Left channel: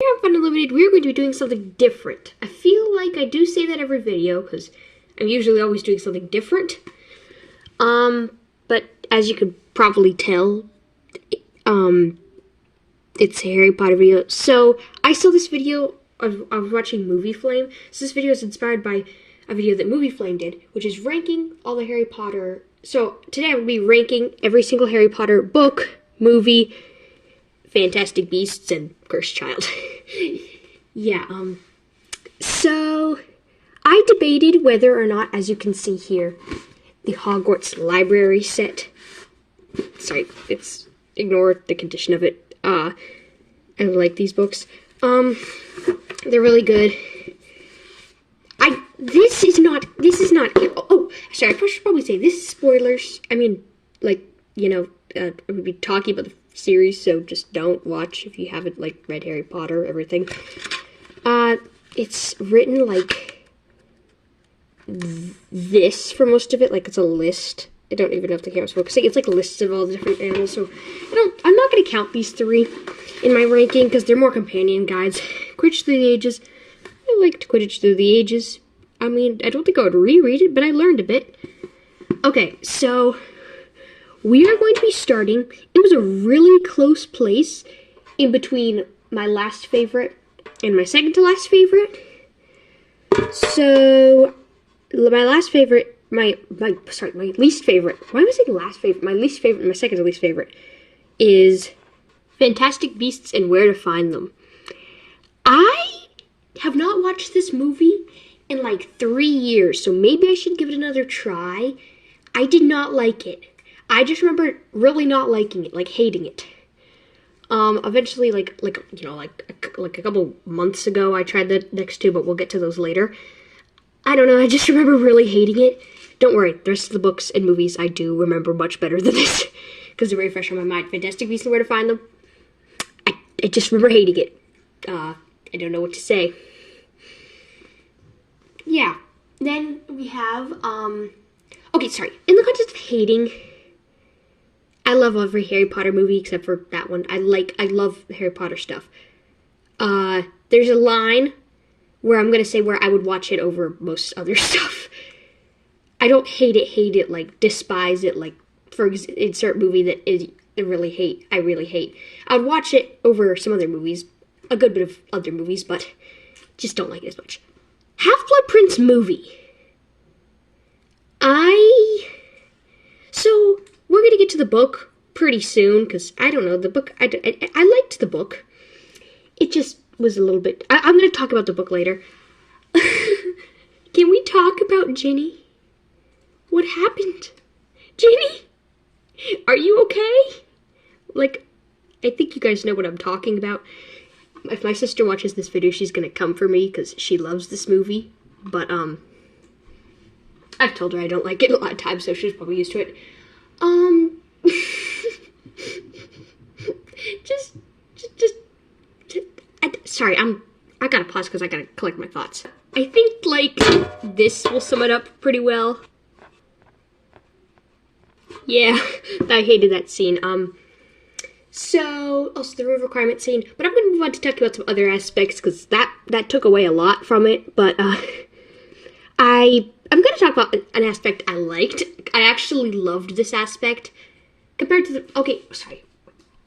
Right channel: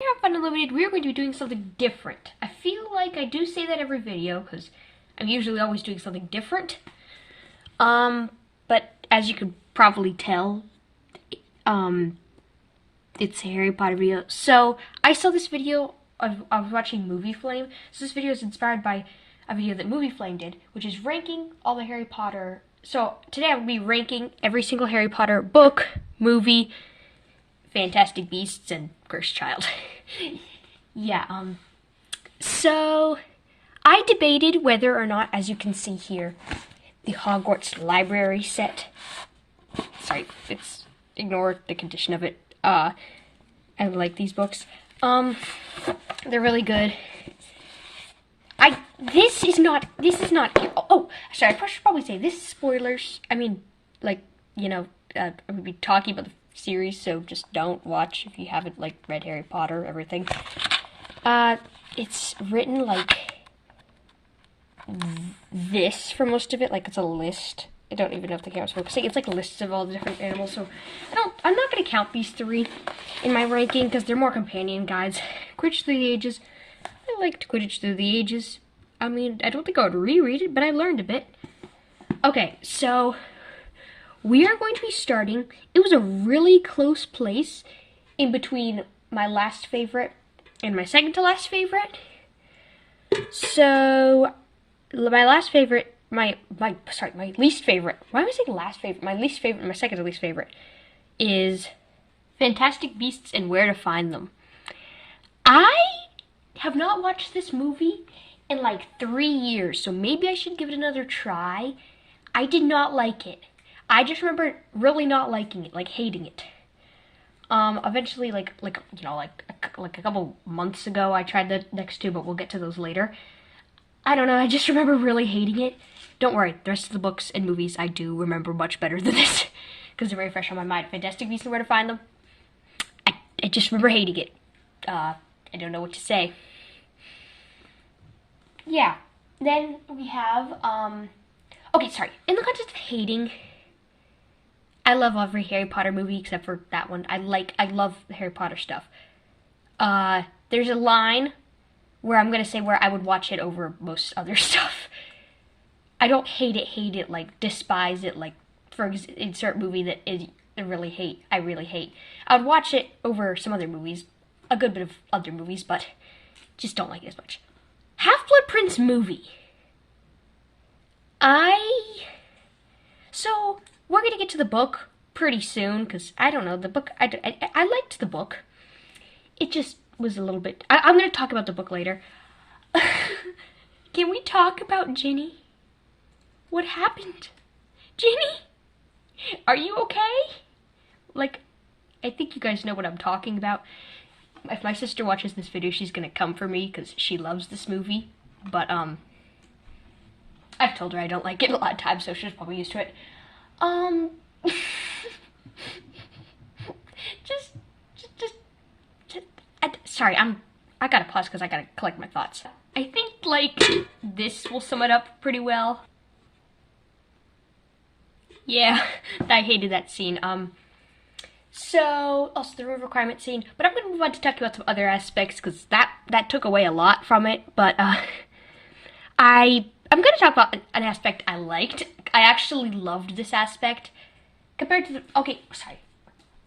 Here on FunUnlimited, we're going to be doing something different. I feel like I do say that every video, because I'm usually always doing something different. But as you could probably tell, it's a Harry Potter video. So, I saw this video, I was watching Movie Flame. So this video is inspired by a video that Movie Flame did, which is ranking all the Harry Potter. So, today I will be ranking every single Harry Potter book, movie, Fantastic Beasts, and Cursed Child. So I debated whether or not, as you can see here, the Hogwarts library set. Sorry, ignore the condition of it. I like these books. They're really good. This is not, oh, sorry, I should probably say, this is spoilers. I mean, like, I'm going to be talking about the series, so just don't watch if you haven't, read Harry Potter, everything. It's written like this for most of it, like it's a list. I don't even know if the camera's focusing. It's like lists of all the different animals, so I'm not going to count these three in my ranking, because they're more companion guides. Quidditch Through the Ages. I liked Quidditch Through the Ages. I mean, I don't think I would reread it, but I learned a bit. Okay, so we are going to be starting. It was a really close place in between my last favorite and my second to last favorite. So my last favorite, my least favorite. Why am I saying last favorite? My least favorite, my second to least favorite is Fantastic Beasts and Where to Find Them. I have not watched this movie in 3 years, so maybe I should give it another try. I did not like it. I just remember really not liking it, hating it. Eventually, a couple months ago, I tried the next two, but we'll get to those later. I don't know, I just remember really hating it. Don't worry, the rest of the books and movies I do remember much better than this, because they're very fresh on my mind. Fantastic Beasts and Where to Find Them. I just remember hating it. I don't know what to say. Yeah, then we have, okay, sorry. In the context of hating, I love every Harry Potter movie except for that one. I love Harry Potter stuff. There's a line where I'm going to say where I would watch it over most other stuff. I don't hate it, despise it, for insert movie that I really hate. I would watch it over some other movies, a good bit of other movies, but just don't like it as much. Half-Blood Prince movie. So we're going to get to the book pretty soon, because I don't know, the book, I liked the book. It just was a little bit, I'm going to talk about the book later. Can we talk about Ginny? What happened? Ginny? Are you okay? I think you guys know what I'm talking about. If my sister watches this video, she's going to come for me, because she loves this movie. But, I've told her I don't like it a lot of times, so she's probably used to it. Sorry, I gotta pause because I gotta collect my thoughts. I think, this will sum it up pretty well. Yeah, I hated that scene. So, also the room requirement scene, but I'm gonna move on to talk about some other aspects, because that took away a lot from it, but, I'm gonna talk about an aspect I liked. I actually loved this aspect, compared to okay, sorry,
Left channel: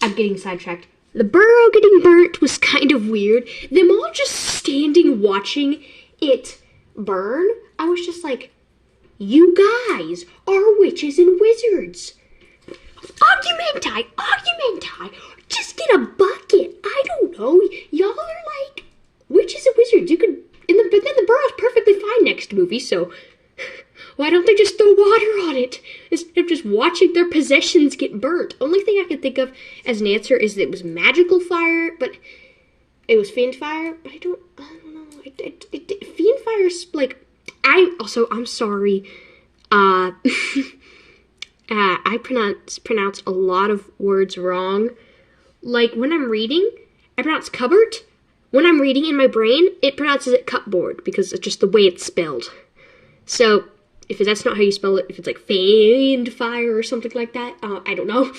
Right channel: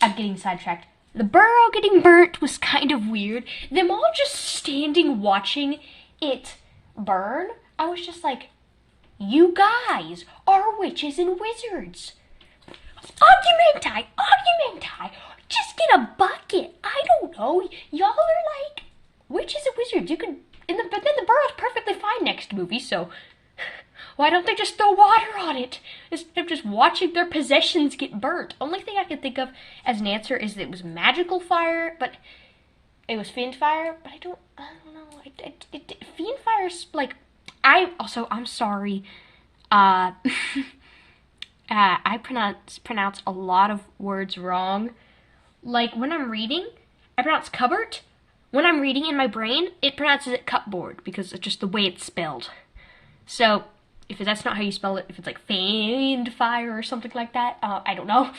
I'm getting sidetracked. The burrow getting burnt was kind of weird. Them all just standing watching it burn. I was just like, you guys are witches and wizards. Argumenti, just get a bucket. I don't know. Y'all are witches and wizards. You could, but then the burrow's perfectly fine next movie, so why don't they just throw water on it instead of just watching their possessions get burnt? Only thing I can think of as an answer is that it was magical fire, but it was fiend fire, but I don't know. Fiend fire's I'm sorry. I pronounce a lot of words wrong. When I'm reading, I pronounce cupboard. When I'm reading in my brain, it pronounces it cupboard, because it's just the way it's spelled. So, if that's not how you spell it, if it's fiend fire or something like that, I don't know.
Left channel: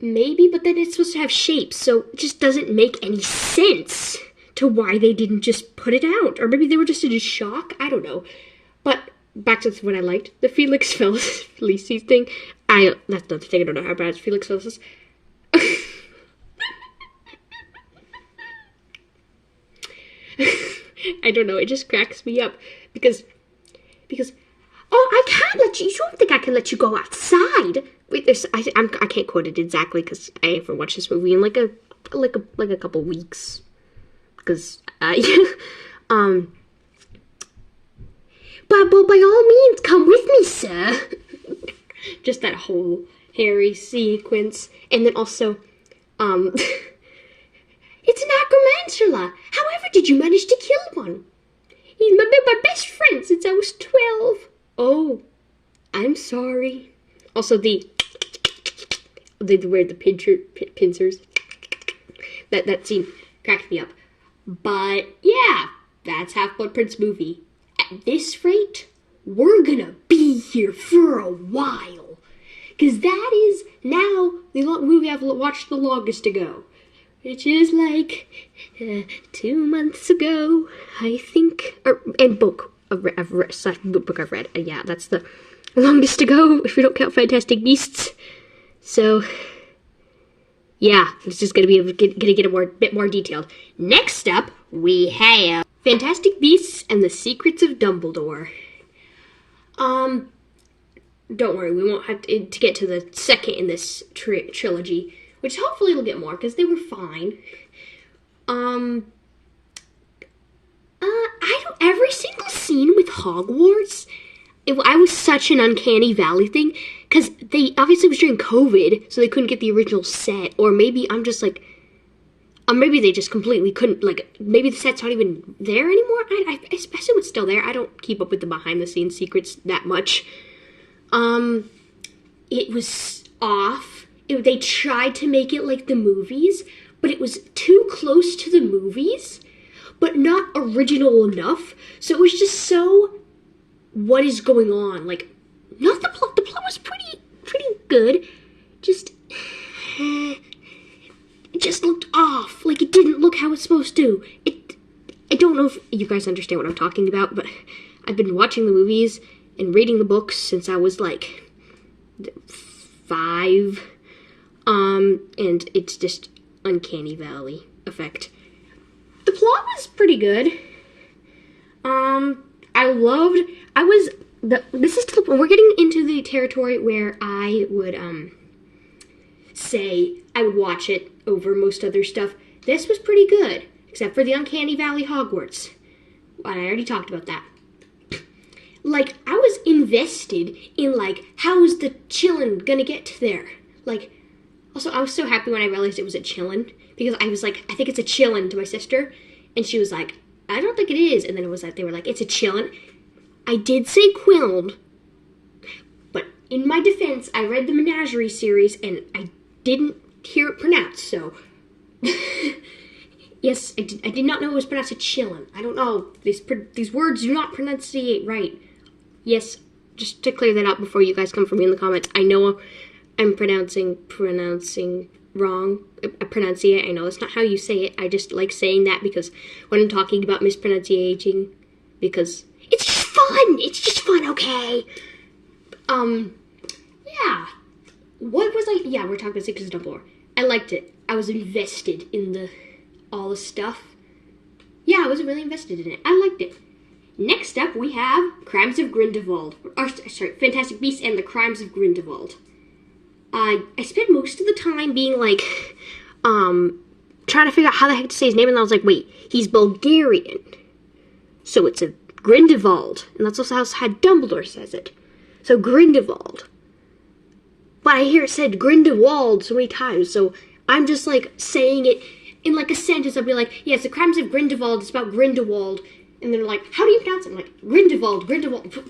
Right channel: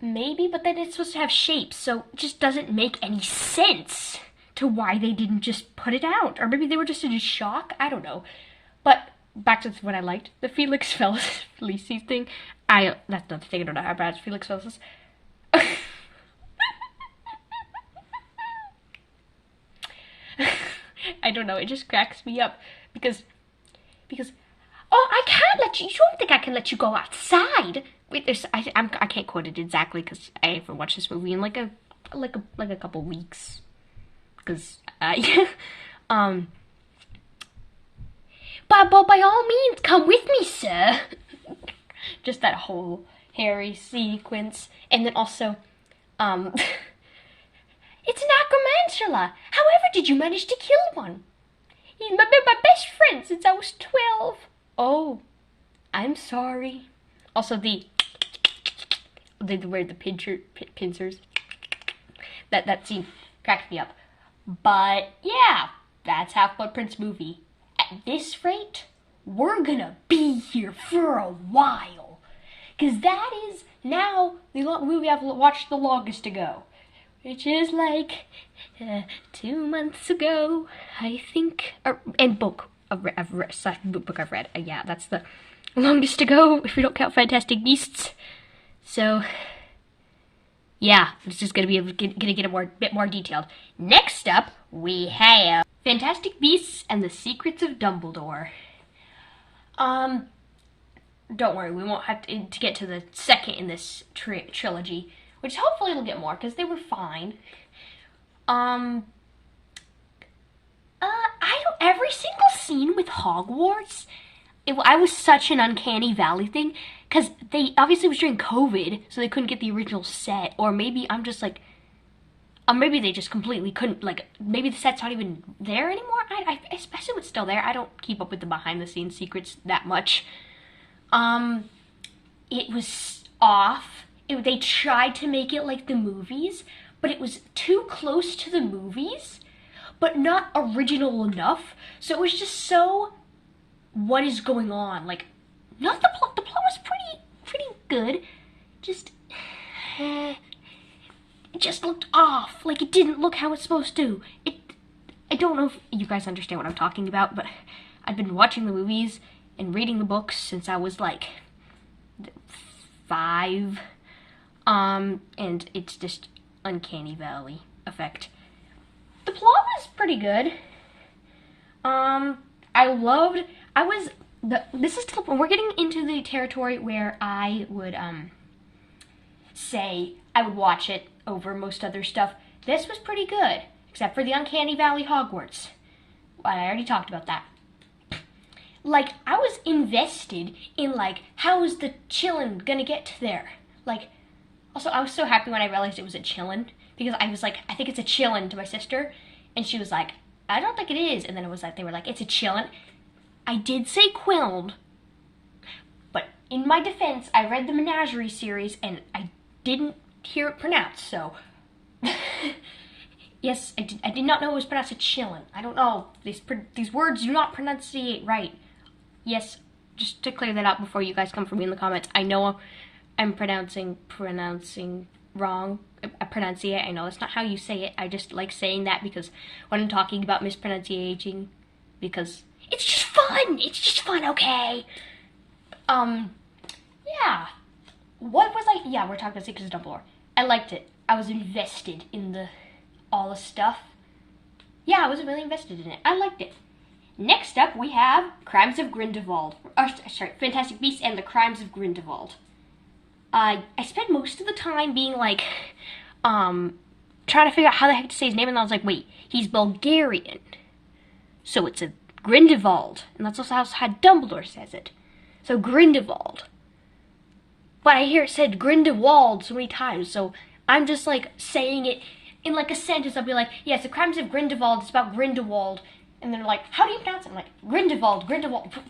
Maybe, but then it's supposed to have shapes, so it just doesn't make any sense to why they didn't just put it out. Or maybe they were just in a shock. I don't know. But back to what I liked. The Felix Felicis thing. That's another thing. I don't know how bad Felix Felicis. I don't know. It just cracks me up because. Oh, I can't let you. You don't think I can let you go outside? Wait, I can't quote it exactly because I haven't watched this movie in like a couple weeks. Because but by all means, come with me, sir. Just that whole Harry sequence, and then also, it's an acromantula. However, did you manage to kill one? He's been my best friend since I was 12. Oh, I'm sorry. Also, they wear the pincers. That scene cracked me up. But yeah, that's Half-Blood Prince movie. At this rate, we're gonna be here for a while. Because that is now the movie I've watched the longest ago. Which is like 2 months ago, I think. And book I've read. Yeah, that's the longest ago, if we don't count Fantastic Beasts. So, yeah, it's just gonna get a bit more detailed. Next up, we have Fantastic Beasts and the Secrets of Dumbledore. Don't worry, we won't have to get to the second in this trilogy, which hopefully it'll get more, because they were fine. Every single scene with Hogwarts, I was such an uncanny valley thing, because they, obviously it was during COVID, so they couldn't get the original set, or maybe I'm just like, maybe they just completely couldn't, like, maybe the set's not even there anymore. I assume it's still there. I don't keep up with the behind-the-scenes secrets that much. It was off. They tried to make it like the movies, but it was too close to the movies, but not original enough. So it was just so, what is going on? Like, not the plot. The plot was pretty good. It just looked off. Like, it didn't look how it's supposed to. I don't know if you guys understand what I'm talking about, but I've been watching the movies and reading the books since I was like 5. And it's just uncanny valley effect. The plot was pretty good. We're getting into the territory where I would, say I would watch it over most other stuff. This was pretty good, except for the Uncanny Valley Hogwarts. I already talked about that. Like, I was invested in, like, how's the Chillin gonna get there? Like, also, I was so happy when I realized it was a Chillin, because I was like, I think it's a Chillin to my sister, and she was like, I don't think it is, and then it was like, they were like, it's a Chillin. I did say Quiln, but in my defense, I read the Menagerie series, and I didn't hear it pronounced, so yes, I did not know it was pronounced a Chillin. I don't know, these words do not pronunciate right. Yes, just to clear that up before you guys come for me in the comments, I know I'm pronouncing wrong, pronunciate. I know that's not how you say it. I just like saying that because when I'm talking about mispronunciating, because it's just fun, okay? Yeah. What was I? Yeah, we're talking about Secrets of Dumbledore. I liked it. I was invested in all the stuff. Yeah, I was really invested in it. I liked it. Next up, we have Crimes of Grindelwald. Fantastic Beasts and the Crimes of Grindelwald. I spent most of the time being like, trying to figure out how the heck to say his name, and I was like, wait, he's Bulgarian. So it's a Grindelwald, and that's also how Dumbledore says it. So Grindelwald. But I hear it said Grindelwald so many times, so I'm just like saying it in like a sentence. I'll be like, yes, the Crimes of Grindelwald, it's about Grindelwald. And they're like, how do you pronounce it? I'm like, Grindelwald.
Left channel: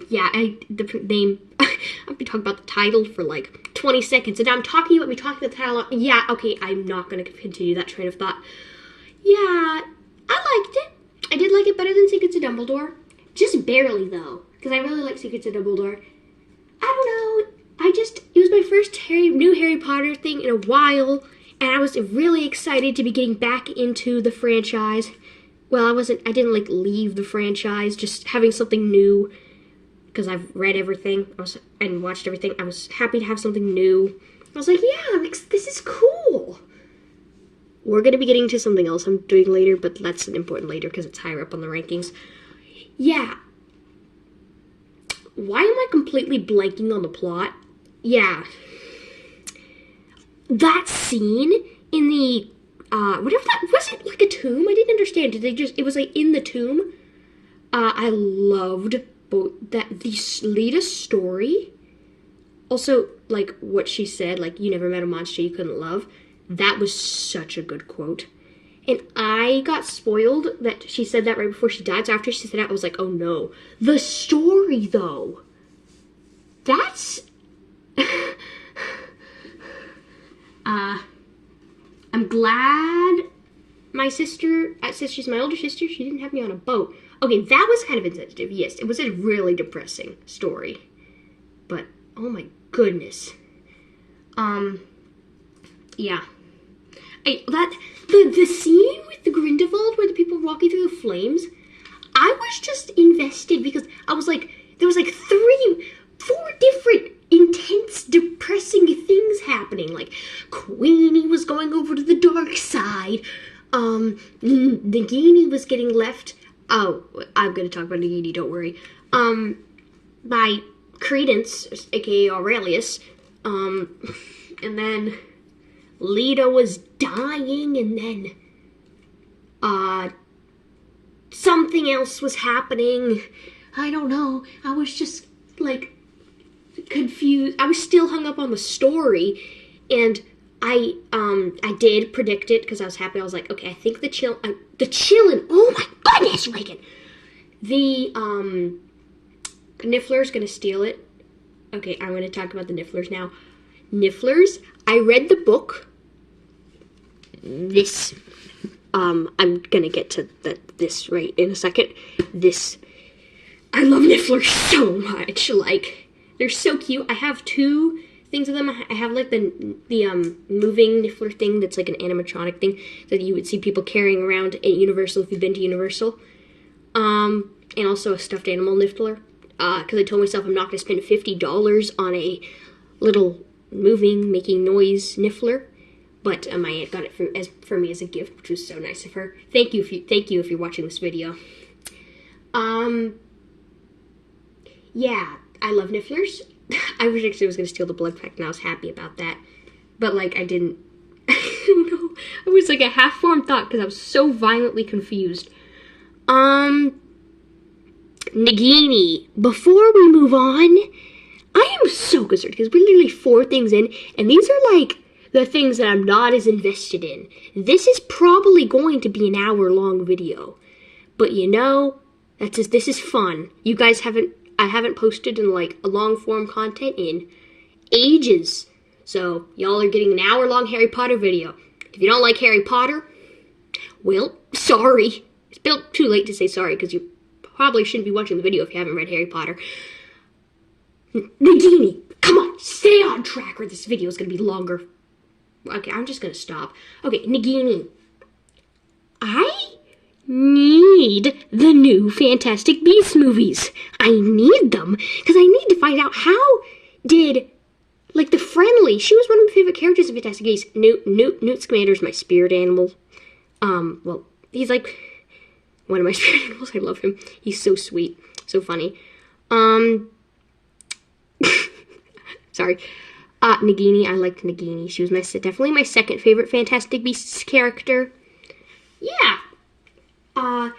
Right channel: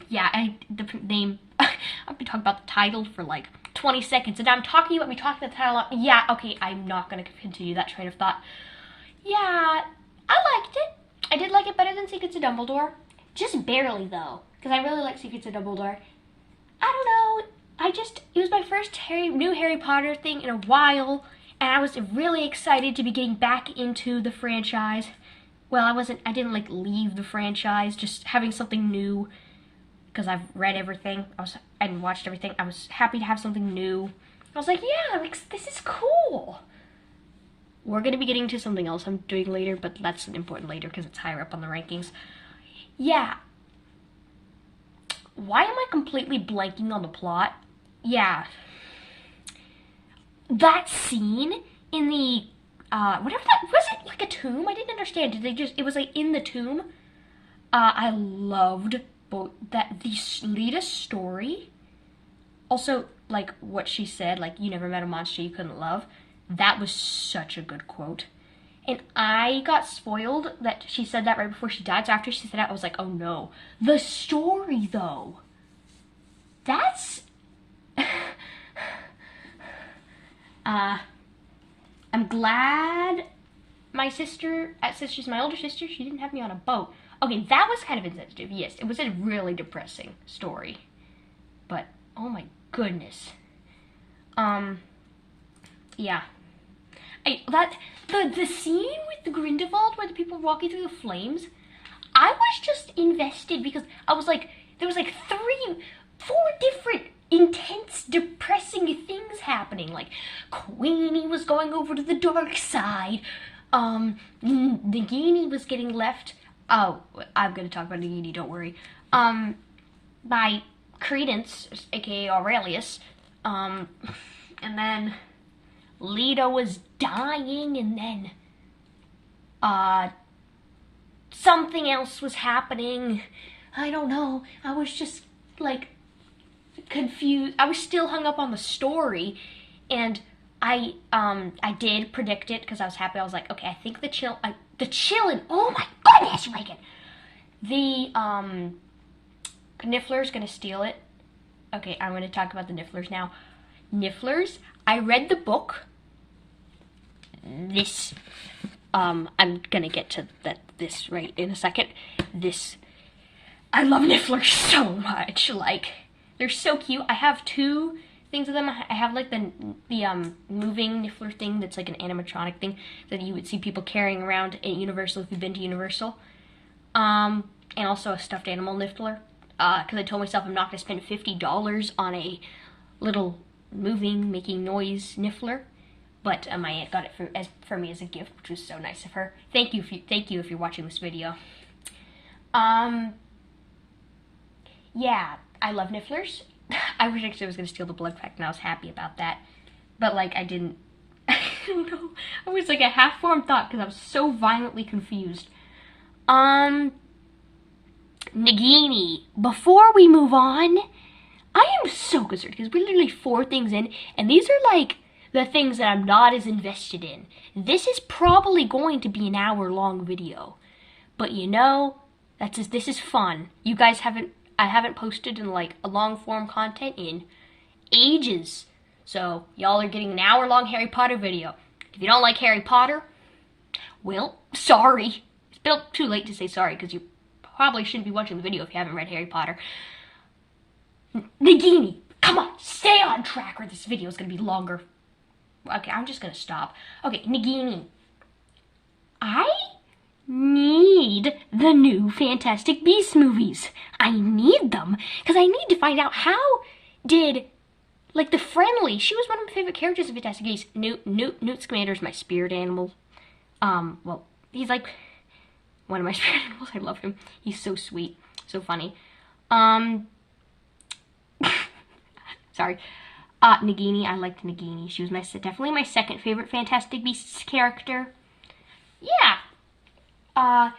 Yeah, the name, I've been talking about the title for like 20 seconds, and now I'm talking about the title. Yeah, okay, I'm not going to continue that train of thought. Yeah, I liked it. I did like it better than Secrets of Dumbledore. Just barely, though, because I really like Secrets of Dumbledore. I don't know, it was my first new Harry Potter thing in a while, and I was really excited to be getting back into the franchise. Well, I didn't like leave the franchise, just having something new, because I've read everything, and watched everything. I was happy to have something new. I was like, yeah, this is cool. We're going to be getting to something else I'm doing later, but that's important later because it's higher up on the rankings. Yeah. Why am I completely blanking on the plot? Yeah. That scene in the, whatever that, was it like a tomb? I didn't understand. It was like in the tomb. I loved both the Lita's story. Also, like what she said, like, you never met a monster you couldn't love. That was such a good quote. And I got spoiled that she said that right before she died. So after she said that, I was like, oh no. The story, though. That's... I'm glad my sister, she's my older sister, she didn't have me on a boat. Okay, that was kind of insensitive, yes. It was a really depressing story. But, oh my goodness. Yeah. The scene with the Grindelwald where the people were walking through the flames, I was just invested because I was like, there was like 4 different intense, depressing things happening. Like, Queenie was going over to the dark side. Nagini was getting left. Oh, I'm gonna talk about Nagini, don't worry. By Credence, aka Aurelius. And then Lita was dying, and then something else was happening. I don't know. I was just like confused. I was still hung up on the story, and I did predict it because I was happy. I was like, okay, I think the chillin'. Oh my goodness, Reagan. The Niffler's gonna steal it. Okay, I'm gonna talk about the Nifflers now. Nifflers. I read the book. This. I'm gonna get to this right in a second. This. I love Nifflers so much. Like, they're so cute. I have 2 things of them. I have like the moving Niffler thing that's like an animatronic thing that you would see people carrying around at Universal if you've been to Universal. And also a stuffed animal Niffler. Because I told myself I'm not going to spend $50 on a little moving, making noise Niffler. But my aunt got it for me as a gift, which was so nice of her. Thank you if you're watching this video. Yeah, I love Nifflers. I wish I was going to steal the blood pack, and I was happy about that. But, like, I didn't. I don't know. I was like a half-formed thought because I was so violently confused. Nagini, before we move on, I am so concerned because we're literally 4 things in, and these are like the things that I'm not as invested in. This is probably going to be an hour-long video, but you know, this is fun. You guys I haven't posted in like a long-form content in ages, so y'all are getting an hour-long Harry Potter video. If you don't like Harry Potter, well, sorry. It's built too late to say sorry because you probably shouldn't be watching the video if you haven't read Harry Potter. Nagini, come on, stay on track or this video is going to be longer. Okay, I'm just going to stop. Okay, Nagini, I need the new Fantastic Beasts movies. I need them because I need to find out how did, like, the Friendly, she was one of my favorite characters in Fantastic Beasts. Newt Scamander's my spirit animal. Well, he's like one of my spirit animals. I love him. He's so sweet, so funny. Sorry. Nagini, I liked Nagini. She was definitely my second favorite Fantastic Beasts character. Yeah. How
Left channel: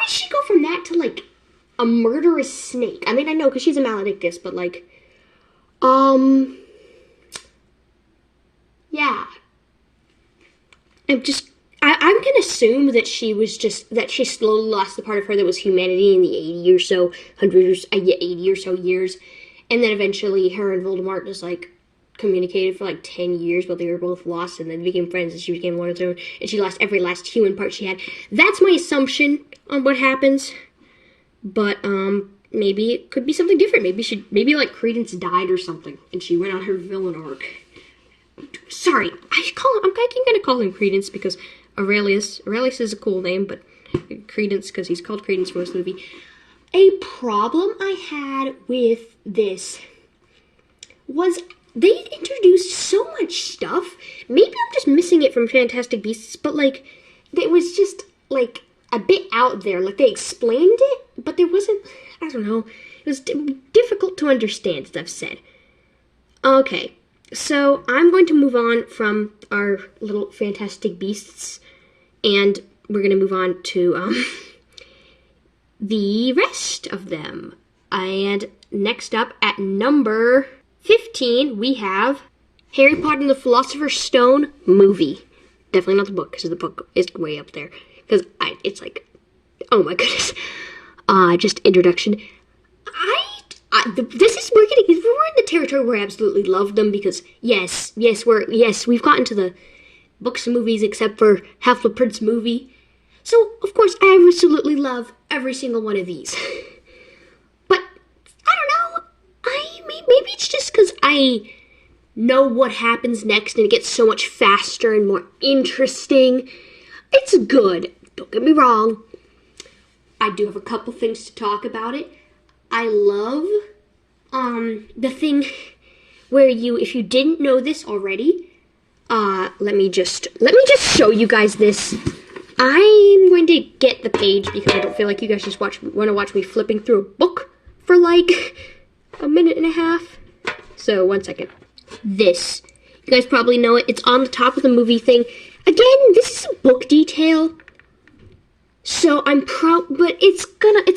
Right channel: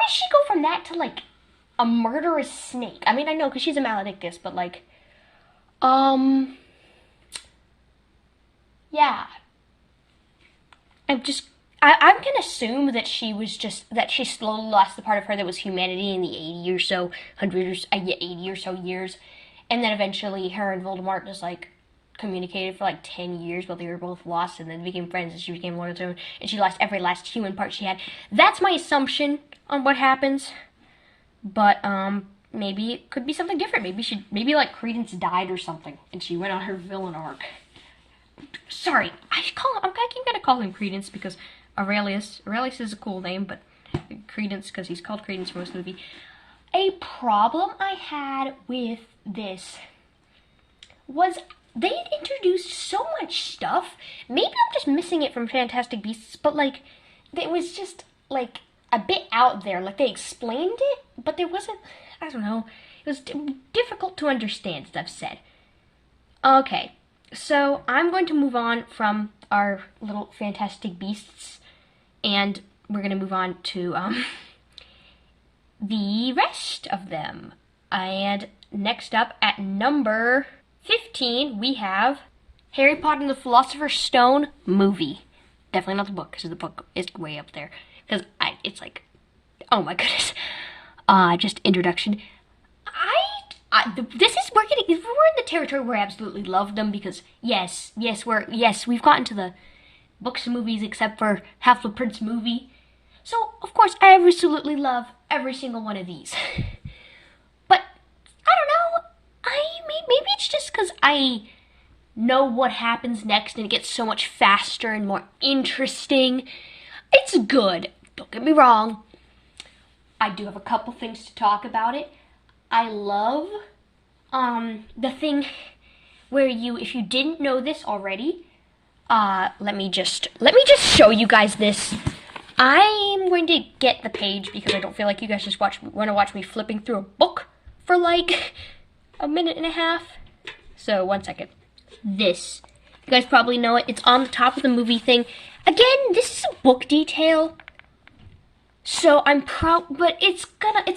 did she go from that to, like, a murderous snake? I mean, I know, because she's a maledictus, but, like, yeah. I'm gonna assume that she slowly lost the part of her that was humanity in the 80 or so years, and then eventually her and Voldemort just, like, communicated for like 10 years while they were both lost, and then became friends, and she became Lord of the Stone, and she lost every last human part she had. That's my assumption on what happens. But maybe it could be something different. Maybe like Credence died or something, and she went on her villain arc. Sorry, I'm gonna call him Credence because Aurelius is a cool name, but Credence because he's called Credence for most of the movie. A problem I had with this was they introduced so much stuff. Maybe I'm just missing it from Fantastic Beasts, but like it was just like a bit out there. Like they explained it, but there wasn't. I don't know. It was difficult to understand, as I've said. Okay, so I'm going to move on from our little Fantastic Beasts, and we're going to move on to the rest of them. And next up at number 15, we have Harry Potter and the Philosopher's Stone movie. Definitely not the book, because the book is way up there. Because it's like, oh my goodness. Just introduction. We're in the territory where I absolutely love them because yes, we've gotten to the books and movies except for Half-Blood Prince movie. So of course I absolutely love every single one of these. But I don't know. Maybe it's just because I know what happens next and it gets so much faster and more interesting. It's good. Don't get me wrong. I do have a couple things to talk about it. I love the thing where if you didn't know this already, let me just show you guys this. I'm going to get the page because I don't feel like you guys just want to watch me flipping through a book for like a minute and a half. So 1 second. This, you guys probably know it. It's on the top of the movie thing. Again, this is a book detail. So but it's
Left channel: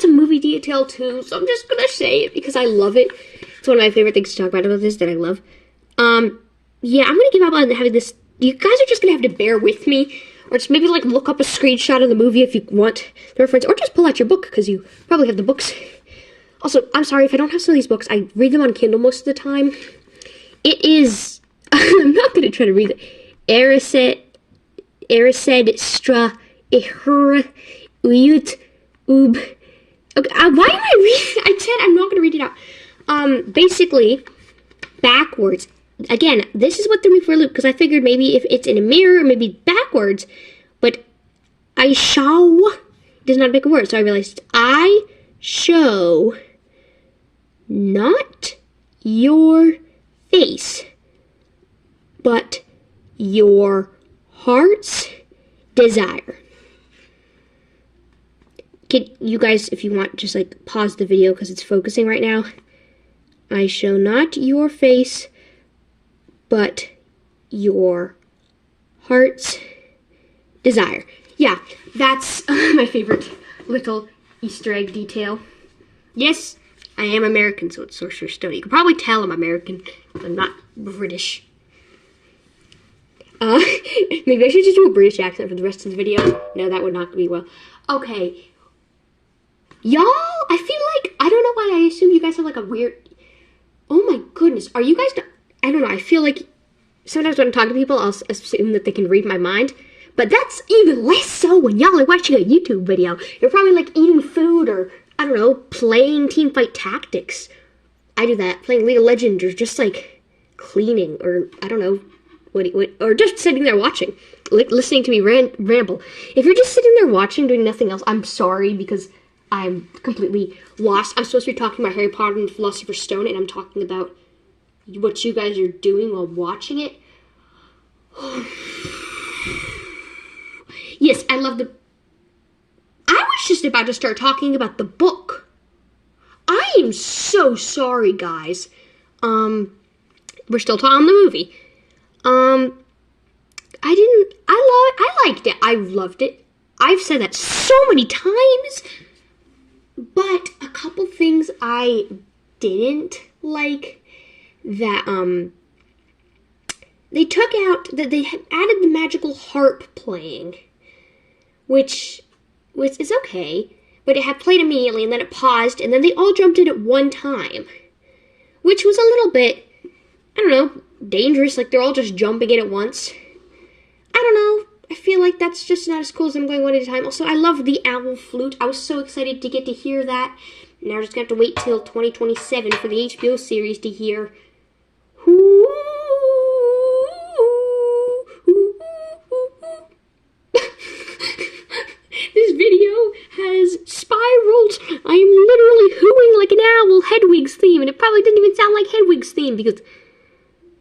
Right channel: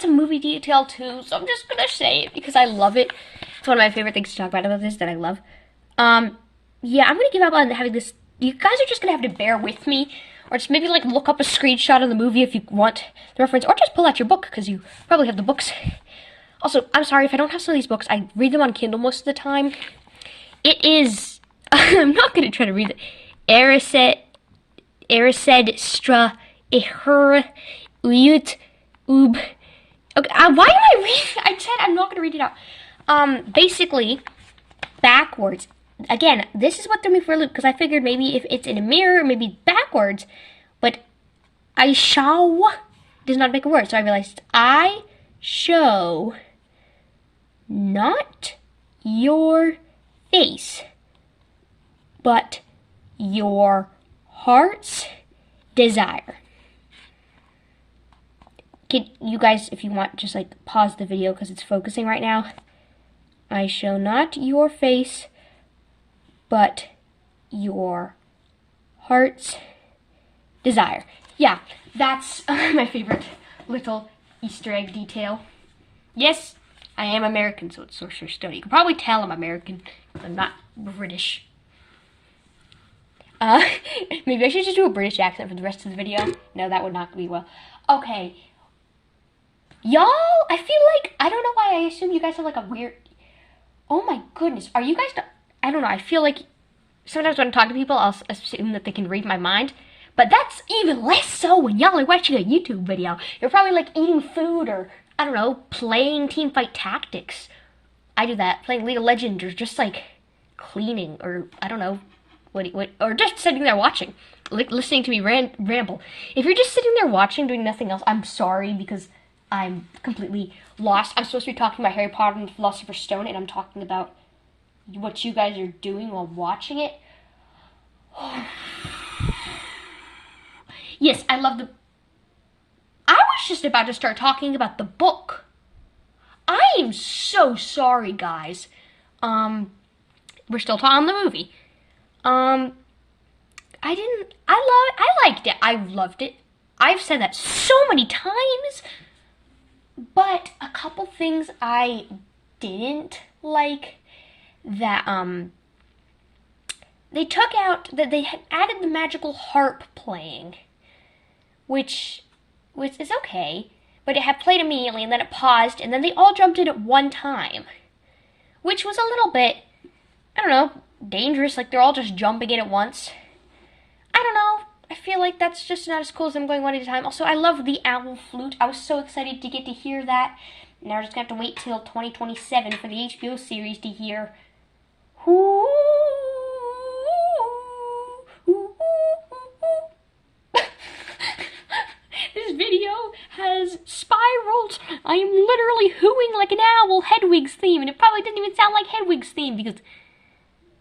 a movie detail too, so I'm just gonna say it because I love it. It's one of my favorite things to talk about this that I love. Yeah, I'm gonna give up on having this. You guys are just gonna have to bear with me, or just maybe like look up a screenshot of the movie if you want the reference, or just pull out your book because you probably have the books. Also, I'm sorry if I don't have some of these books. I read them on Kindle most of the time. It is. I'm not gonna try to read it. Erised stra ihur. Okay, why am I reading? I said I'm not going to read it out. Basically, backwards. Again, this is what threw me for a loop, because I figured maybe if it's in a mirror, maybe backwards. But I show does not make a word, so I realized I show not your face, but your heart's desire. You guys, if you want, just like pause the video because it's focusing right now. I show not your face, but your heart's desire. Yeah, that's my favorite little Easter egg detail. Yes, I am American, so it's Sorcerer's Stone. You can probably tell I'm American. I'm not British. Maybe I should just do a British accent for the rest of the video. No, that would not be well. Okay. Y'all, I feel like, I don't know why I assume you guys have like a weird, oh my goodness, are you guys, I don't know, I feel like sometimes when I'm talking to people, I'll assume that they can read my mind, but that's even less so when y'all are watching a YouTube video. You're probably like eating food or, I don't know, playing Teamfight Tactics. I do that, playing League of Legends or just like cleaning or, I don't know, or just sitting there watching, listening to me ramble. If you're just sitting there watching, doing nothing else, I'm sorry because I'm completely lost. I'm supposed to be talking about Harry Potter and the Philosopher's Stone, and I'm talking about what you guys are doing while watching it. Yes, I love I was just about to start talking about the book. I am so sorry, guys. We're still talking on the movie. I liked it. I loved it. I've said that so many times. But a couple things I didn't like that they took out, that they had added the magical harp playing, which is okay, but it had played immediately and then it paused and then they all jumped in at one time, which was a little bit, I don't know, dangerous, like they're all just jumping in at once. I don't know. I feel like that's just not as cool as them going one at a time. Also, I love the owl flute. I was so excited to get to hear that. Now we're just gonna have to wait till 2027 for the HBO series to hear. Ooh, This video has spiraled. I am literally hooing like an owl Hedwig's theme, and it probably didn't even sound like Hedwig's theme because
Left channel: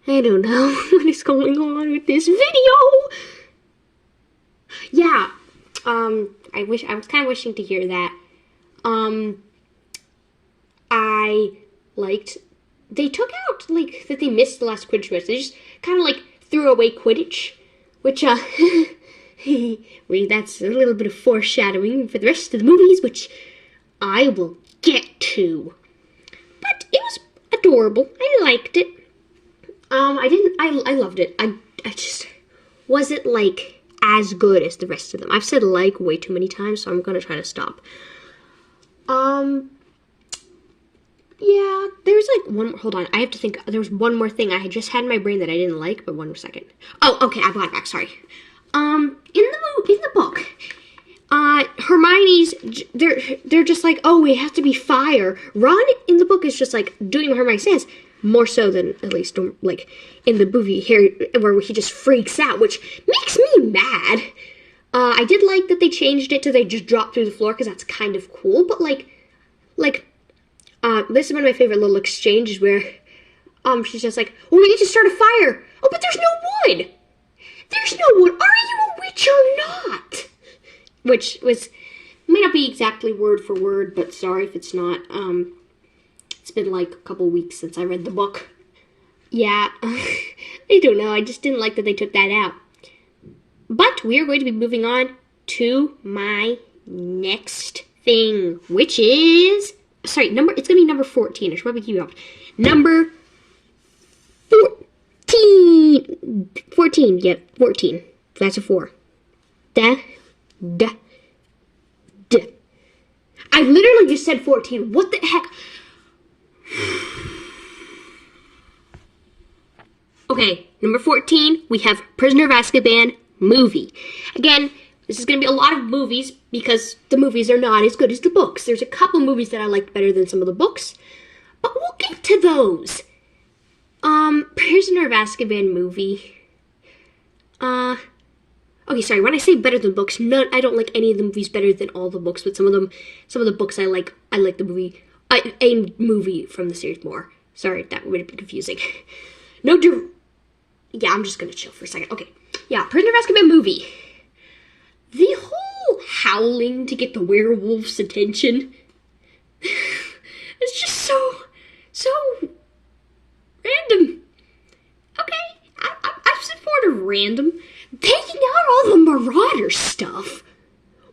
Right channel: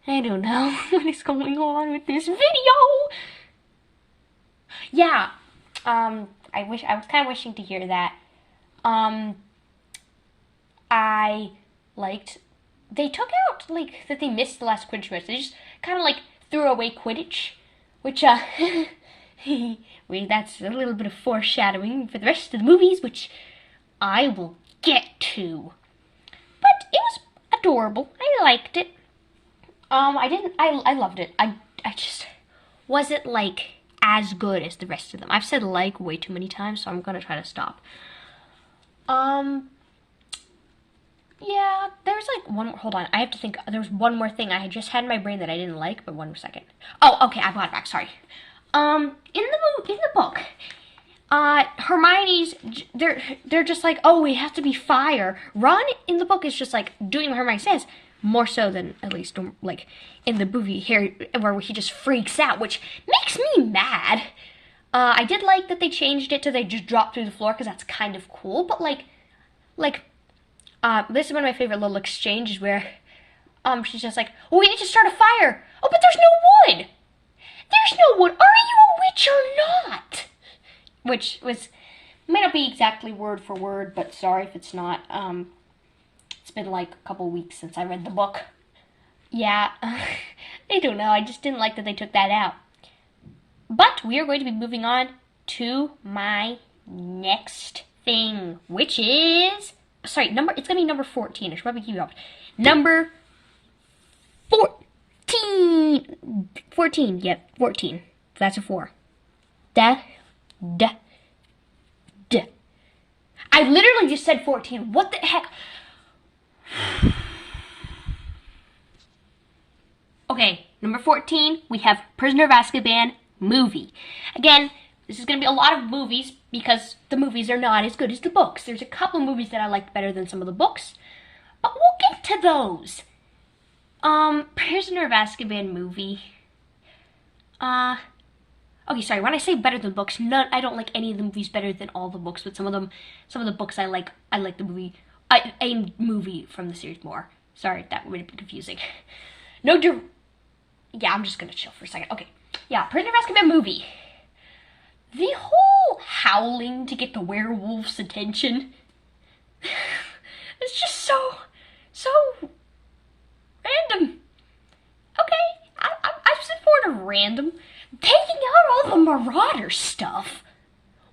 I don't know what is going on with this video. Yeah, I was kind of wishing to hear that. I liked, they took out, like, that they missed the last Quidditch match. They just kind of, like, threw away Quidditch, which, that's a little bit of foreshadowing for the rest of the movies, which I will get to. But it was adorable. I liked it. I loved it. I just wasn't, like, as good as the rest of them. I've said like way too many times, so I'm gonna try to stop. Yeah, there's like one more, hold on, I have to think, there was one more thing I had just had in my brain that I didn't like, but one more second. Oh, okay, I brought it back, sorry. In the book, Hermione's, they're just like, oh, it has to be fire. Ron in the book is just like doing what Hermione says, more so than at least like in the movie Harry, where he just freaks out, which makes me mad. I did like that they changed it to they just drop through the floor because that's kind of cool, but this is one of my favorite little exchanges where she's just like, well, we need to start a fire. Oh, but there's no wood. There's no wood. Are you a witch or not? Which might not be exactly word for word, but sorry if it's not. It's been like a couple weeks since I read the book. Yeah, I don't know. I just didn't like that they took that out. But we are going to be moving on to my next thing, which is, it's going to be number 14. I should probably keep it up. Number 14. 14, yep, 14. That's a 4. I literally just said 14. What the heck? Okay, number 14, we have Prisoner of Azkaban movie. Again, this is going to be a lot of movies because the movies are not as good as the books. There's a couple movies that I liked better than some of the books, but we'll get to those. Prisoner of Azkaban movie. Okay, sorry, when I say better than books, I don't like any of the movies better than all the books, but some of the books I like the movie, a movie from the series more. Sorry, that would have been confusing. Yeah, I'm just gonna chill for a second. Okay, yeah, Prisoner of Azkaban movie. The whole howling to get the werewolf's attention. It's just so random. Okay, I've said for it random. Taking out all the Marauder stuff.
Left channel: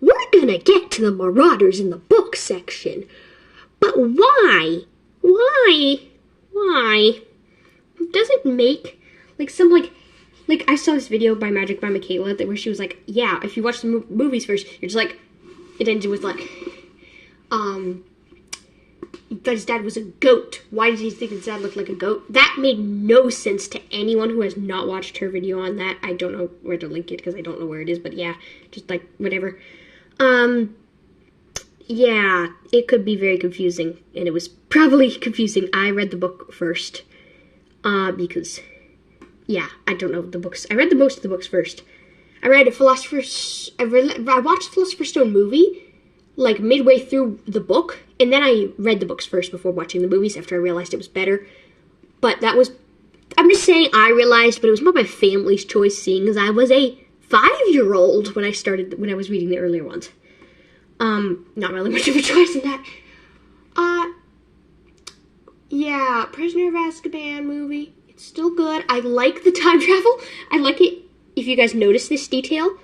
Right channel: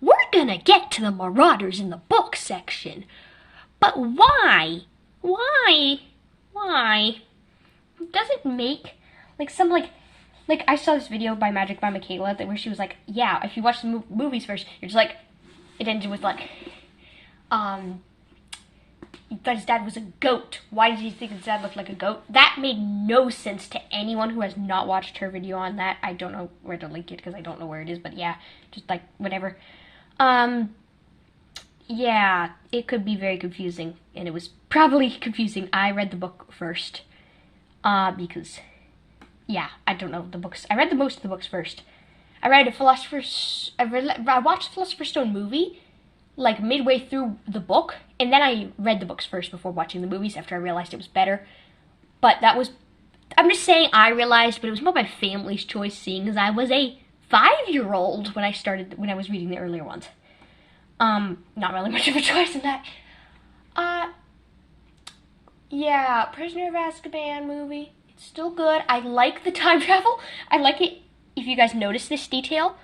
We're gonna get to the Marauders in the book section. But why? Why? Does it make, like I saw this video by Magic by Michaela where she was like, yeah, if you watch the movies first, you're just like, it ended with like, but his dad was a goat. Why did he think his dad looked like a goat? That made no sense to anyone who has not watched her video on that. I don't know where to link it because I don't know where it is, but yeah, just like whatever. Yeah, it could be very confusing, and it was probably confusing. I read the book first, because, yeah, I don't know the books. I read most of the books first. I watched the Philosopher's Stone movie, like, midway through the book, and then I read the books first before watching the movies after I realized it was better. But I'm just saying I realized, but it was more my family's choice, seeing as I was a 5-year-old when I was reading the earlier ones. Not really much of a choice in that. Yeah, Prisoner of Azkaban movie. It's still good. I like the time travel. I like it, if you guys notice this detail,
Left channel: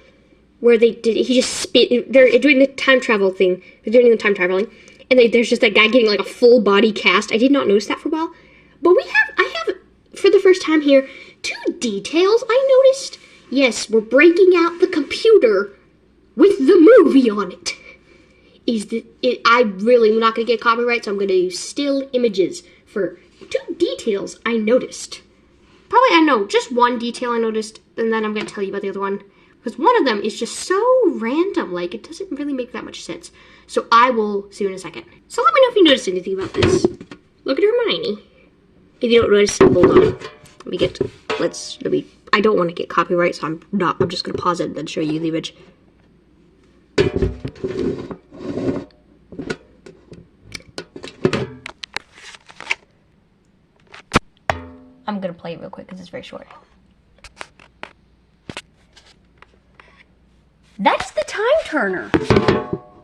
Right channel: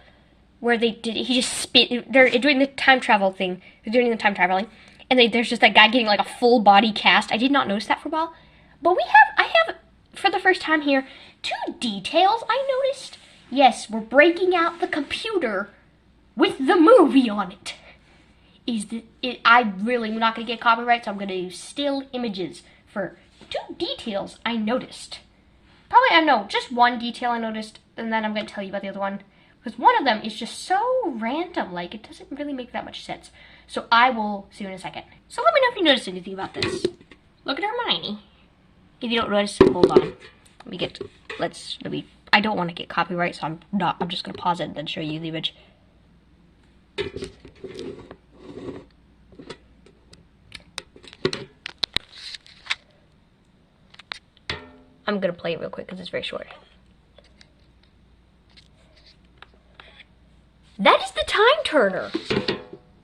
where they're doing the time travel thing. They're doing the time traveling. And there's just that guy getting like a full body cast. I did not notice that for a while. But I have, for the first time here, 2 details I noticed. Yes, we're breaking out the computer with the movie on it. I really am not going to get copyright, so I'm going to use still images for 2 details I noticed. Probably, I know, just one detail I noticed, and then I'm going to tell you about the other one. Because one of them is just so random, like, it doesn't really make that much sense. So I will see you in a second. So let me know if you noticed anything about this. Look at Hermione. If you don't notice, hold on. I don't want to get copyright, so I'm just going to pause it and then show you the image. I'm going to play it real quick because it's very short. That is the time turner.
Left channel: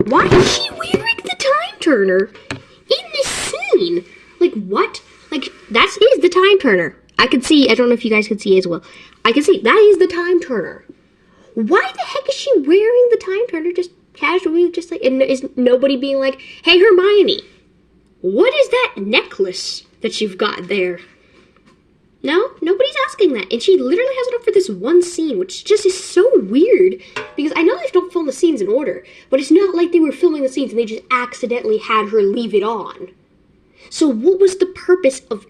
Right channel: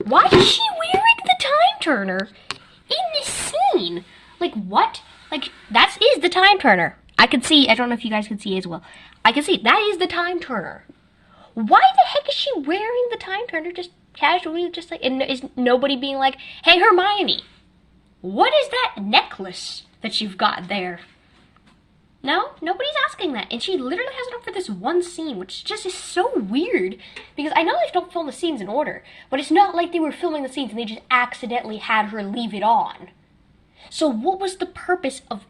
Why is she wearing the time turner in this scene? Like, what? Like, that is the time turner. I can see, I don't know if you guys can see as well. I can see, that is the time turner. Why the heck is she wearing the time turner just casually, just like, and is nobody being like, hey, Hermione, what is that necklace that you've got there? No, nobody's asking that. And she literally has it up for this one scene, which just is so weird. Because I know they don't film the scenes in order, but it's not like they were filming the scenes and they just accidentally had her leave it on. So what was the purpose of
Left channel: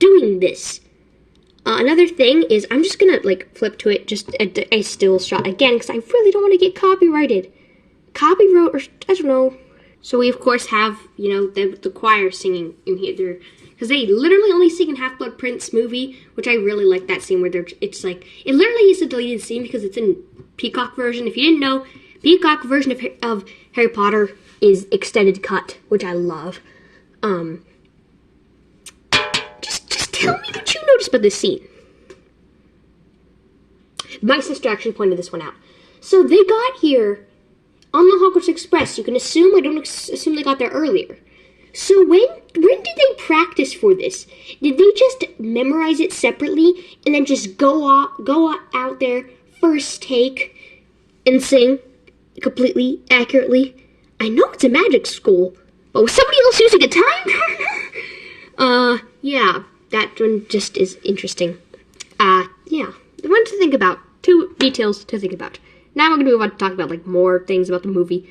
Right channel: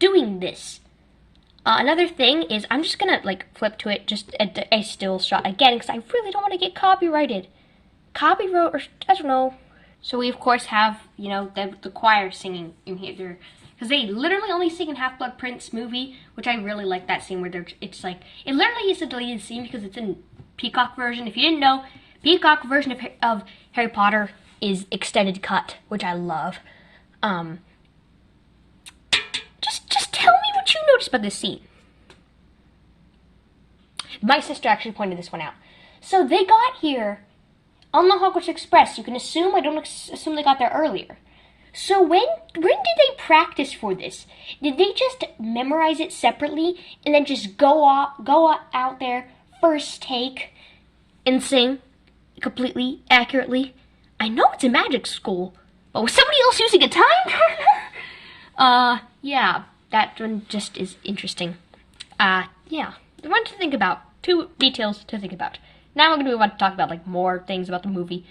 doing this? Another thing is, I'm just gonna like flip to it, just a still shot again, because I really don't want to get copyrighted. Copyright, or I don't know. So we of course have, you know, the choir singing in here. Because they literally only sing in Half-Blood Prince movie, which I really like that scene where it's like, it literally is a deleted scene because it's in Peacock version. If you didn't know, Peacock version of Harry Potter is extended cut, which I love. Just tell me what you noticed about this scene. My sister actually pointed this one out. So they got here on the Hogwarts Express. You can assume, I don't assume they got there earlier. So when did they practice for this? Did they just memorize it separately and then just go out there first take and sing completely accurately? I know it's a magic school, but was somebody else using a time turner? Yeah, that one just is interesting. Yeah, one to think about. 2 details to think about. Now I'm gonna move on to talk about like more things about the movie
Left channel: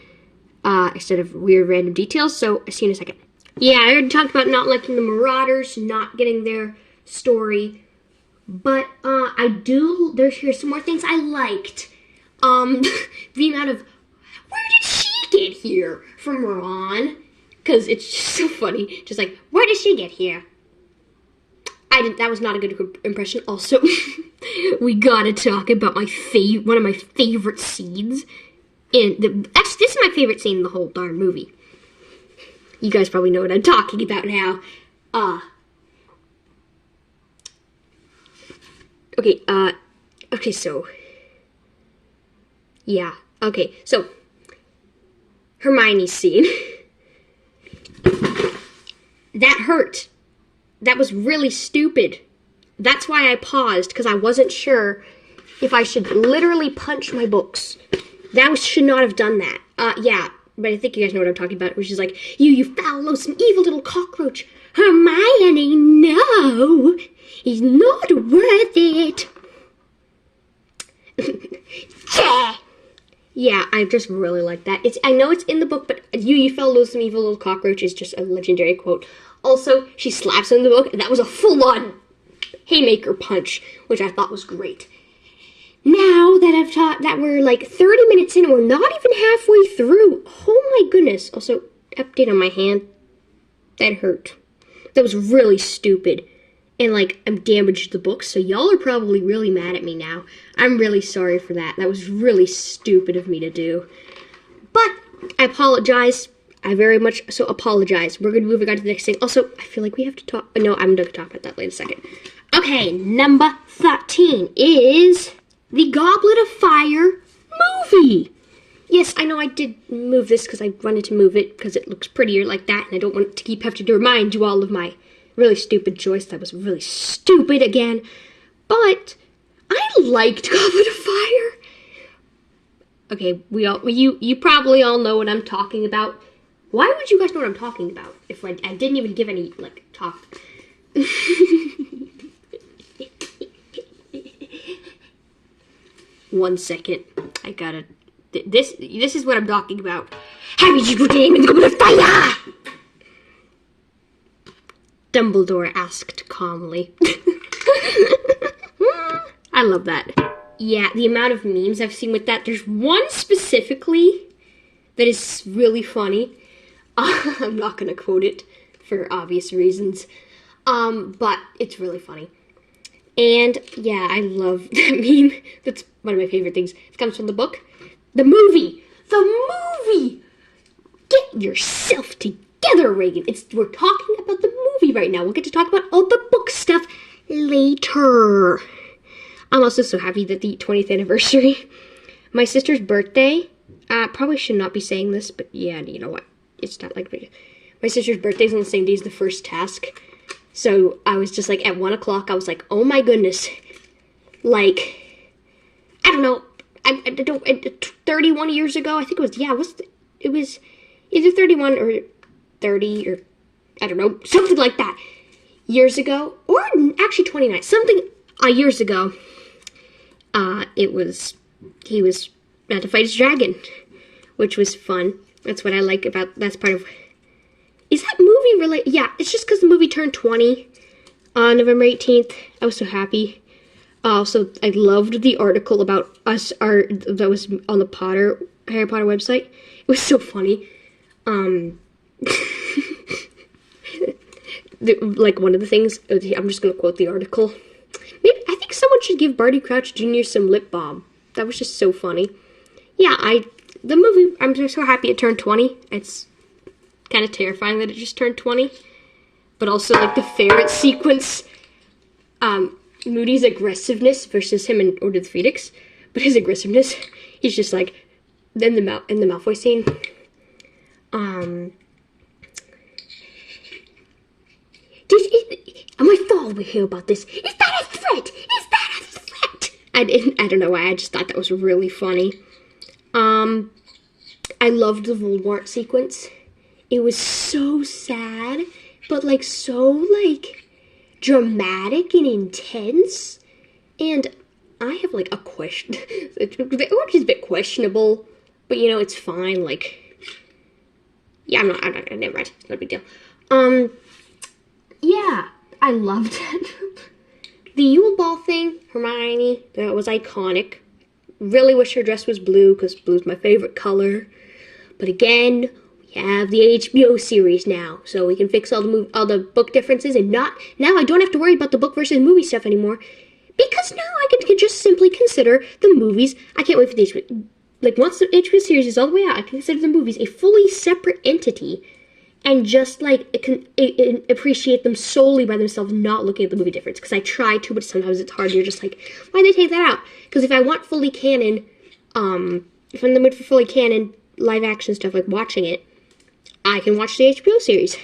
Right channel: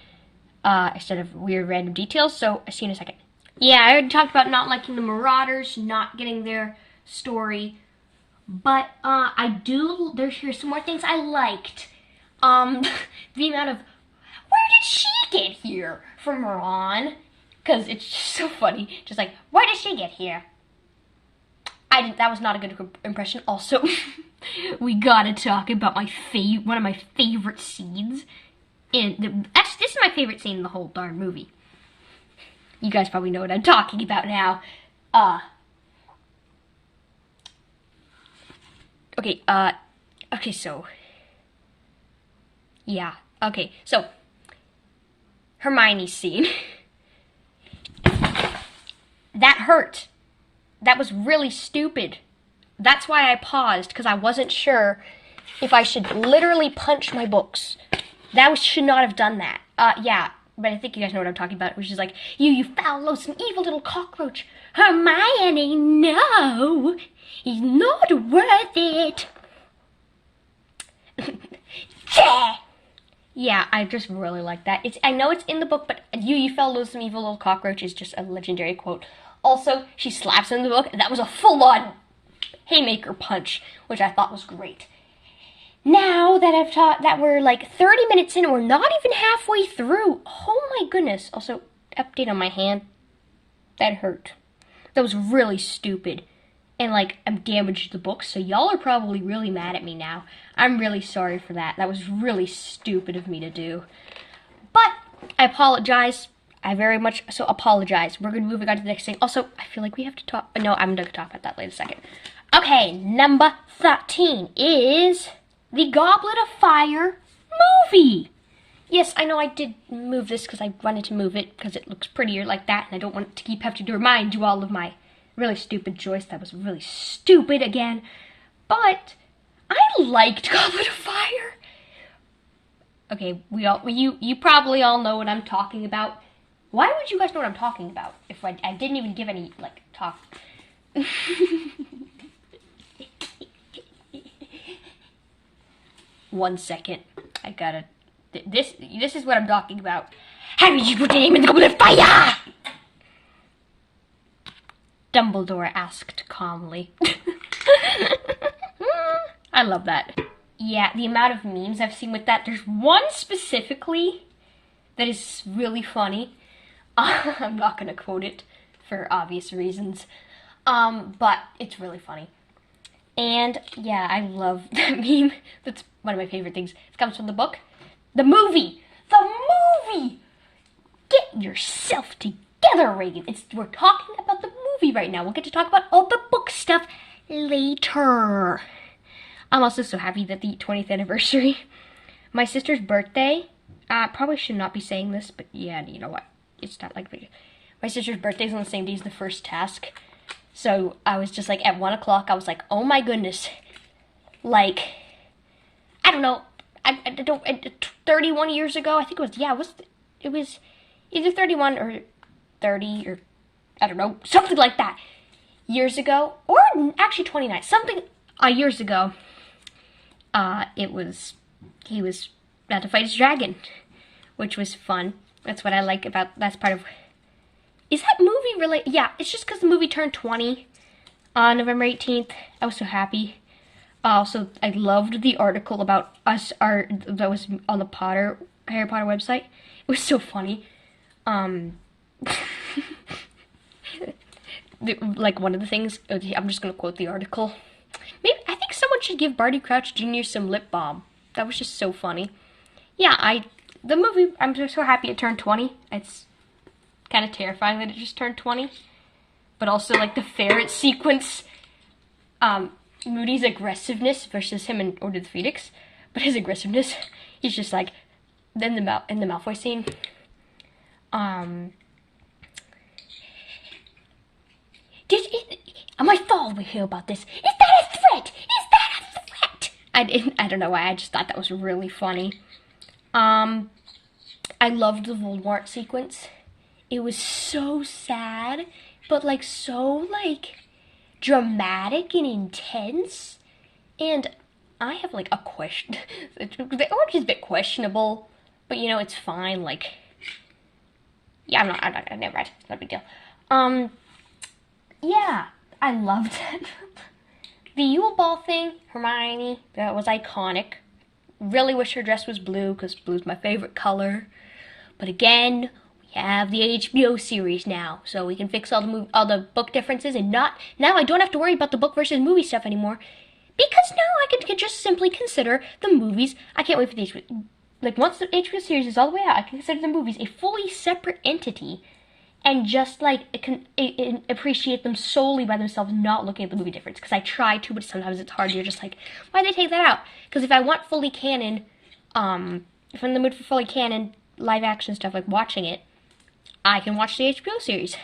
instead of weird random details. So I'll see you in a second. Yeah, I already talked about not liking the Marauders, not getting their story, but here's some more things I liked. The amount of, where did she get here from Ron? Because it's just so funny, just like, where did she get here? That was not a good impression. Also, we gotta talk about one of my favorite scenes. This is my favorite scene in the whole darn movie. You guys probably know what I'm talking about now. Okay, so, yeah, okay, so, Hermione's scene. That hurt. That was really stupid. That's why I paused, because I wasn't sure if I should literally punch my books. That should not have done that. Yeah. But I think you guys know what I'm talking about, which is like, you foul, loathsome, evil little cockroach. Hermione, no, he's not worth it. Yeah, I just really like that. I know it's in the book, but you foul, loathsome, evil little cockroach is just a legendary quote. Also, she slaps him in the book, and that was a full-on haymaker punch, which I thought was great. Now that we're like 30 minutes in, and we're not even halfway through. Oh my goodness. Also, update on my hand. That hurt. That was really stupid. And like, I'm damaged the book, so y'all are probably really mad at me now. I'm really sorry for that. That was really stupid of me to do. But, I apologize. I very much so apologize. We're going to move on to the next thing. Also, I feel like we have to talk. No, I'm going to talk about that later in a second. Okay, number 13 is the Goblet of Fire movie. Yes, I know I did move this because I wanted to move it because it looks prettier like that, and I don't want to keep having to remind you all of my really stupid choice. That was really stupid again. But I liked Goblet of Fire. Okay, you probably all know what I'm talking about. Why would you guys know what I'm talking about if I didn't even give any like talk? One second, I gotta. This is what I'm talking about. Harry, you put your name in the Goblet of Fire! Dumbledore asked calmly. I love that. yeah, the amount of memes I've seen with that. There's one specifically that is really funny. I'm not gonna quote it for obvious reasons, but it's really funny. And yeah, I love that meme. That's one of my favorite things. It comes from the book. The movie! Get yourself together, Reagan. We're talking about the movie right now. We'll get to talk about all the book stuff later. I'm also so happy that the 20th anniversary. My sister's birthday. Probably should not be saying this, but yeah, you know what? It's not like my sister's birthday's on the same day as the first task. So I was just like, at 1 o'clock, I was like, oh my goodness. Like, I don't know. I don't, 31 years ago, I think it was either 31 or 30 or, I don't know, something like that. Years ago, or actually 29, something years ago, he was about to fight his dragon, which was fun. That's what I like about, that's part of, is that movie related? Yeah, it's just because the movie turned 20 on November 18th. I was so happy. So I loved the article about us, that was on the Harry Potter website. It was so funny. Like one of the things, I'm just going to quote the article. I think someone should give Barty Crouch Jr. some lip balm. That was just so funny. Yeah, the movie, I'm just so happy it turned 20. It's kind of terrifying that it just turned 20. But also, like, the ferret sequence, Moody's aggressiveness versus him in Order of the Phoenix. But his aggressiveness, he's just like, in the Malfoy scene, am I following you about this? Is that a threat? Is that a threat? I don't know why, I just thought that was really funny. I loved the Voldemort sequence. It was so sad, but like so like dramatic and intense. And I have like a question. The origin is a bit questionable, but you know, it's fine. Like, yeah, I'm not never mind. It's not a big deal. Yeah, I loved it. The Yule Ball thing, Hermione, that was iconic. Really wish her dress was blue, because blue's my favorite color. But again, we have the HBO series now, so we can fix all the book differences, and now I don't have to worry about the book versus movie stuff anymore, because now I can just simply consider the movies. I can't wait for the HBO. Like, once the HBO series is all the way out, I can consider the movies a fully separate entity, and just like appreciate them solely by themselves, not looking at the movie difference. Because I try to, but sometimes it's hard. You're just like, why'd they take that out? Because if I want fully canon, if I'm in the mood for fully canon live action stuff, like watching it, I can watch the HBO series.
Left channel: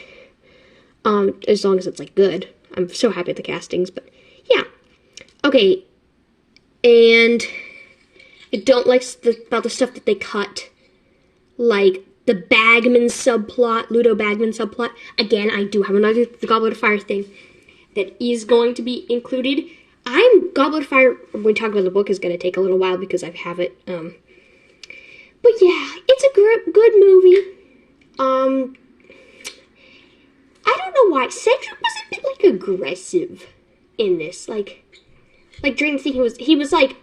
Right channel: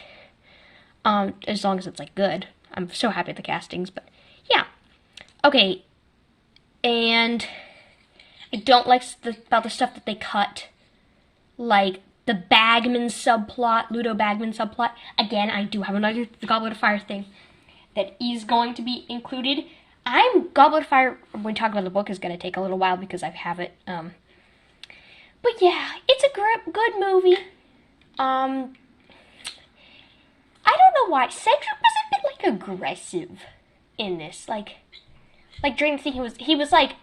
As long as it's like good. I'm so happy with the castings, but yeah. Okay, and I don't like about the stuff that they cut, like the Bagman subplot, Ludo Bagman subplot. Again, I do have another Goblet of Fire thing that is going to be included. Goblet of Fire, when we talk about the book, is going to take a little while because I have it. But yeah, it's a good movie. I don't know why. Cedric was a bit, like, aggressive in this. Like during the thing, he was, like,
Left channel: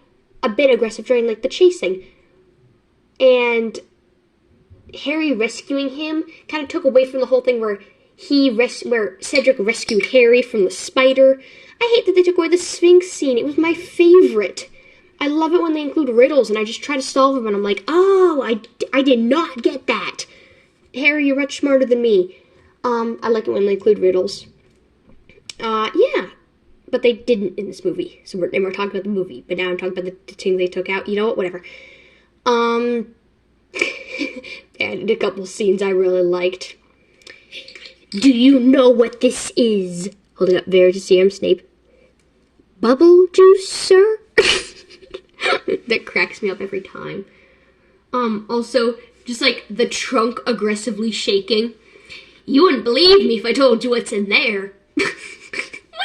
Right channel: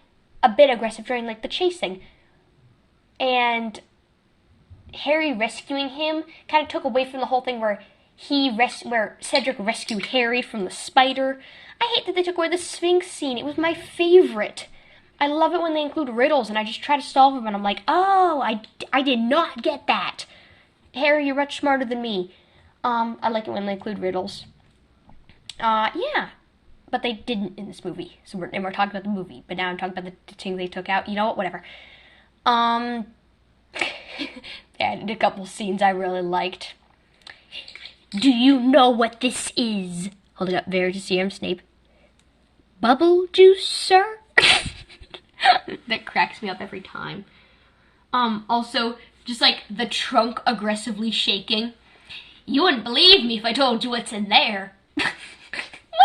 a bit aggressive during, like, the chasing. And Harry rescuing him kind of took away from the whole thing where Cedric rescued Harry from the spider. I hate that they took away the Sphinx scene. It was my favorite. I love it when they include riddles, and I just try to solve them, and I'm like, oh, I did not get that. Harry, you're much smarter than me. I like it when they include riddles. Yeah. But they didn't in this movie. So we're talking about the movie, but now I'm talking about the thing they took out. You know what? Whatever. They added a couple scenes I really liked. Do you know what this is? Holding up Veritaserum Snape. Bubble juice, sir? That cracks me up every time. Also, just like the trunk aggressively shaking. You wouldn't believe me if I told you what's in there. What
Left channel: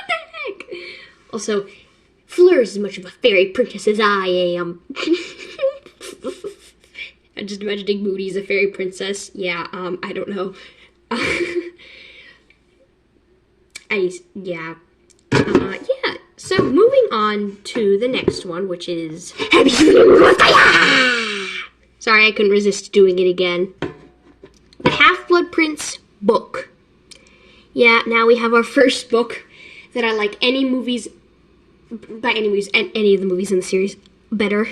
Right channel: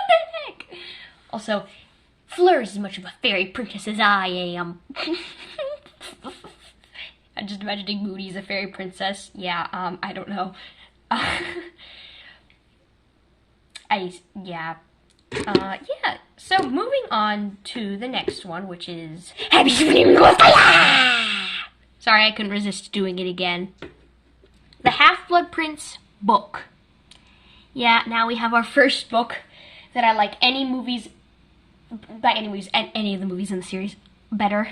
the heck? Also, Fleur is as much of a fairy princess as I am. I'm just imagining Moody as a fairy princess. Yeah, I don't know. Yeah. Yeah. So moving on to the next one, which is Have you seen Goblet of Fire? Sorry, I couldn't resist doing it again. The Half-Blood Prince book. Yeah, now we have our first book that I like any movies, by any movies, and any of the movies in the series better.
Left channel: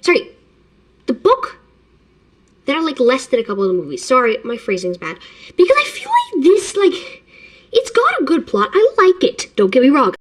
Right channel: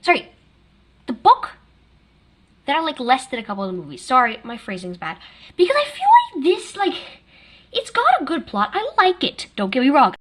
Sorry, the book that I like less than a couple of the movies. Sorry, my phrasing's bad. Because I feel like this, it's got a good plot. I like it. Don't get me wrong.